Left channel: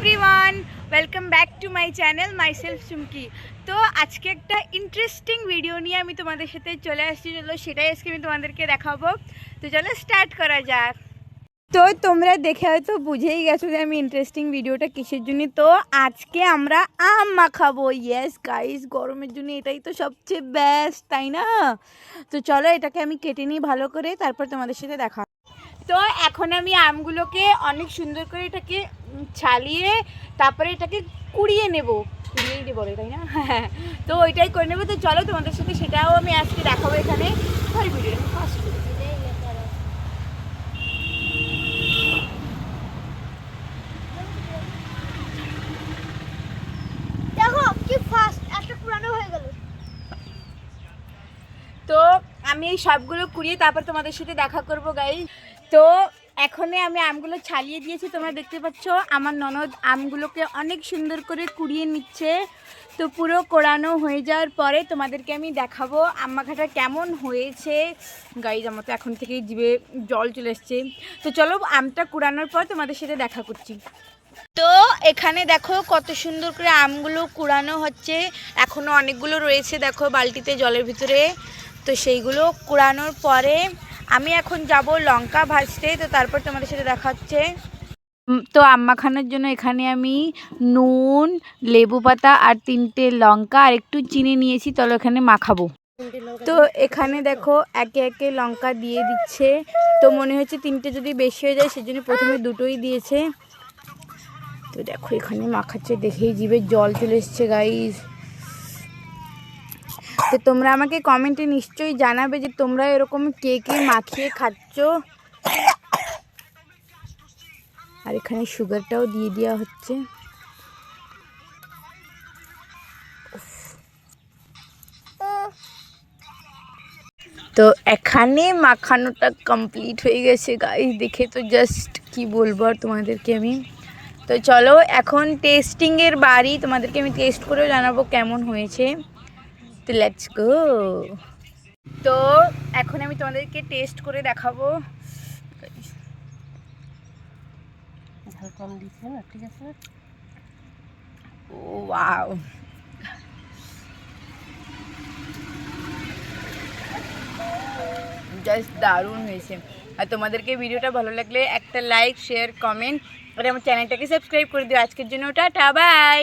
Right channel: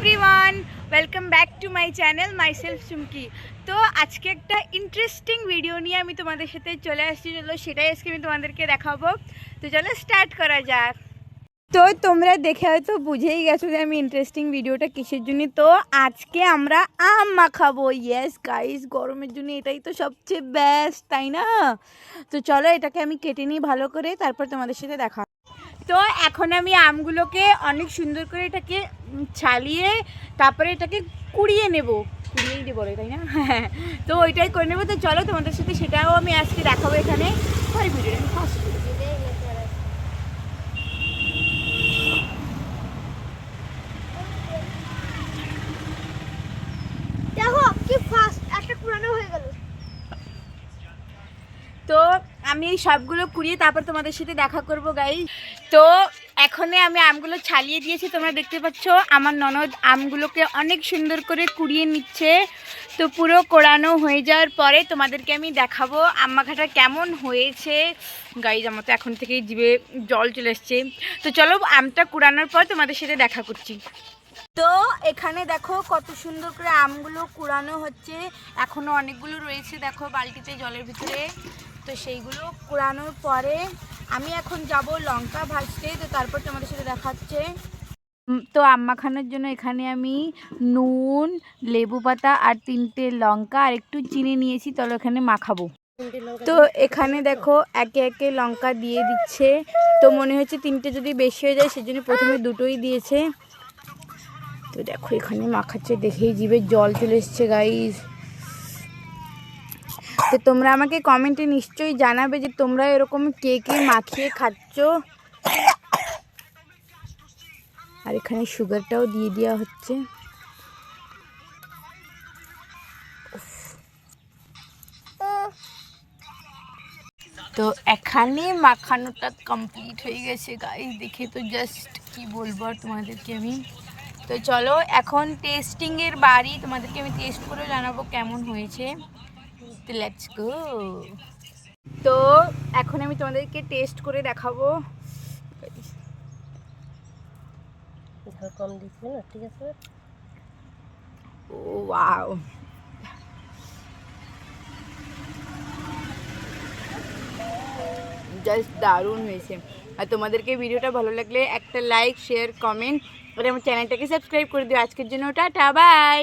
Everyone welcome back to my channel myself Chumki তো আজকে একটা ইন্টারেস্টিং ভিডিও নিয়ে আমি তোমাদের সাথে চলে আসছি, চলো সেটাই আজকে আমি তোমাদেরকে দেখাবো। তো চলো স্টার্ট করা যাক। তো তোমরা দেখে হয়তো বুঝেই গেছো যে আমি ইন্টারেস্টিং ভিডিওটা কিসের জন্য? তো আজকে আমরা আম মাখাবো। ইয়েস গাইস গরমের জন্য এটাই তো সবচেয়ে বেস্ট তাই না? তো চলো এটাকে আমি কেটে নিই ভালো করে, তারপর তোমাদের সাথে দেখা তো এখন আমি আমগুলোকে অনেক সুন্দর করে এটাকে ছালিয়ে তারপরে এটাকে কুড়িয়ে নেব। কুড়িয়েই বলে তাই না? হ্যাঁ তো ওইটাই করে নেব। তো চলো তোমাদের সাথে সেটাও আমি আজকে দেখাবো এখানে। পরে ভিডিও আমি ফার্স্ট দেখো কি ফাস্ট একটা পুরানো হয়ে গেল। তো আমি এই সবগুলো কুড়িয়ে তারপর তোমাদের সাথে দেখা করব গাই তো এখনে আমি আমগুলো ছালিয়ে দিয়েছি, তোমরা দেখতে পাচ্ছ। আমার ননদ আমগুলোকে অনেক সুন্দর করে কুড়িয়ে নিচ্ছে। তো পুরো কোড়ানো হয়ে যাওয়ার পরে তোমাদেরকে আমি দেখাবো আম মাখাটা কেমন হয়েছে। গাইজ আমার তো এখন থেকেই জিভে জল চলে এসছে তো চলো আমটা কুড়ানোর পর তোমাদের সাথে দেখা করছি। তো এখানে দেখো কত সুন্দর করে আমগুলো কুড়ানো হচ্ছে। এখনও অনেকগুলো রয়েছে, দেখো বালতিতে জলের ভিতরে। তো সেইগুলো কুড়ানোর পরে আমি এখন যাব লঙ্কা ভাজতে, তো তারপর তোমাদের সাথে দেখাচ্ছে তো আম মাখানোর জন্য এখানে আমি নুন, লেবু পাতা আর তিনটে লঙ্কা আর একটু চিনি নিয়েছি তাহলে এখানে মাখাবো। তো এখানে দেখো একে একে লঙ্কা দিয়ে দিচ্ছে। তো মনে হচ্ছে তিনটে যদি বেশি হয়ে যায়, সেজন্য প্রথমে দুটোই দিয়েছে। তো দেখো এখানে মাখাচ্ছে, দেখেই জিভে জল চলে এসছে গাইজ তো তোমরা আমাকে কমেন্টে নিশ্চয়ই জানাবে যে তোমরা এরকম কে কে মাখিয়ে খাচ্ছ। আর এখানে সুগারটাও দিয়ে দেওয়া হচ্ছে। তো এখানে মাখানোটা কমপ্লিট হয়ে গেছে গাইজ দেখে তো জাস্ট কি বলব আর তোমাদেরকে আমি। তো চলো, এখন টেস্টিংয়ের বাড়ি। তোমাদেরকে আমি টেস্ট করেও জানাব কেমন হয়েছে। তো লেটস গো তো এখন আমি তোমাদেরকে টেস্ট করে দেখাবো। ঝাল কম দিচ্ছে না ঠিক আছে? ও ওয়াও জাস্ট দারুণ হয়েছে। আর তোমাদেরকে ভিডিওটা ভালো লাগলে একটা লাইক শেয়ার কমেন্ট আর আমার চ্যানেলটাকে সাবস্ক্রাইব করে দিও। আজকের জন্য টাটা বাই